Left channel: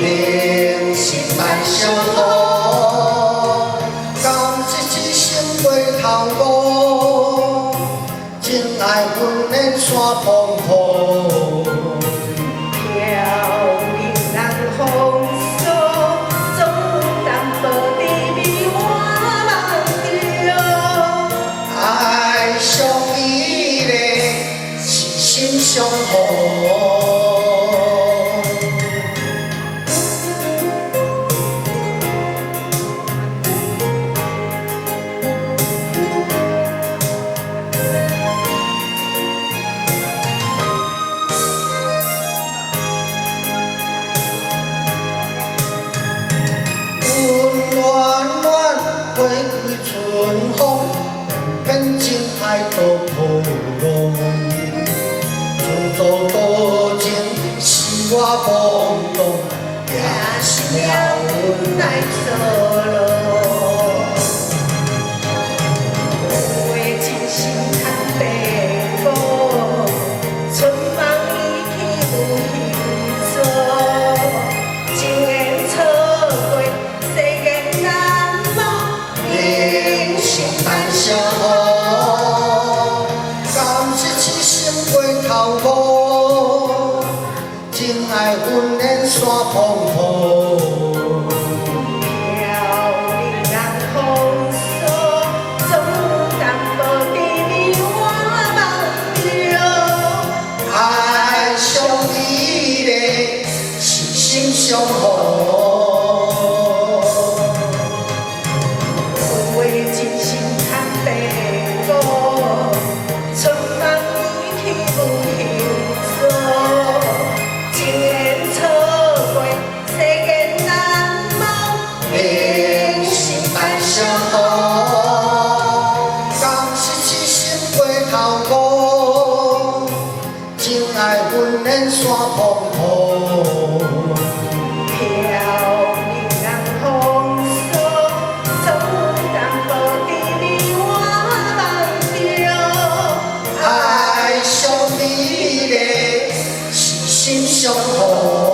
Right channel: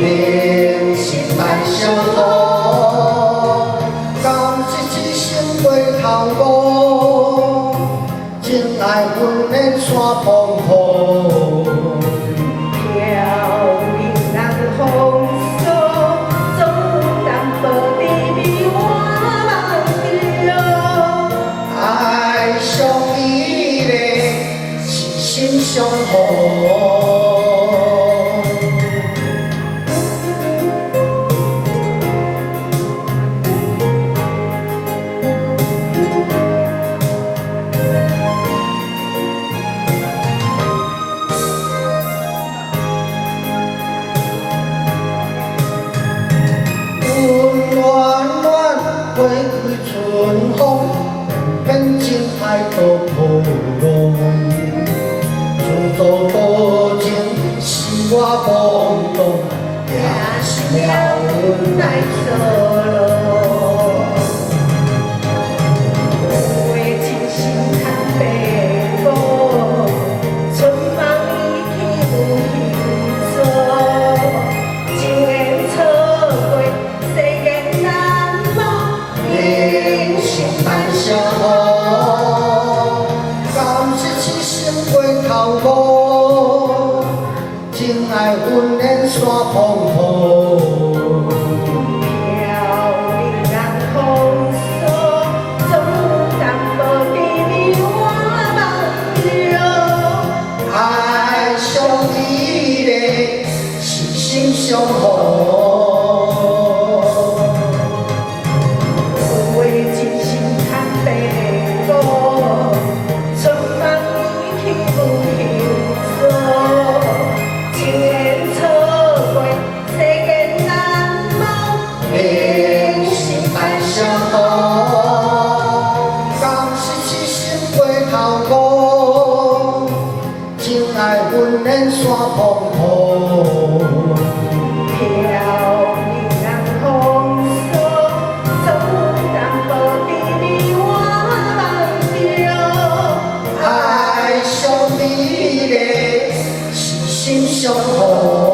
人生万相好，甘是一生过头路，情爱阮的山风雨。飘零人风骚，总淡薄甜蜜我梦着。爱上伊个是心相好。 花开春风，变情爱到破浪。自作多情是我懵懂，也是了阮来错路。花真心看白骨，春梦已去有形做。情缘错过，世间难忘。 人生万相好，甘是一生过头路，情爱阮的山风雨。 飘零人风骚，总淡薄甜蜜我梦着。爱上你的是心相好。 花真心看白骨，春梦已去有形做。情缘错过，世间难忘。人生万相好，甘是一生过头路，情爱阮的山风雨。 飘零人风骚，总淡薄甜蜜我梦着。爱上你的是心相好。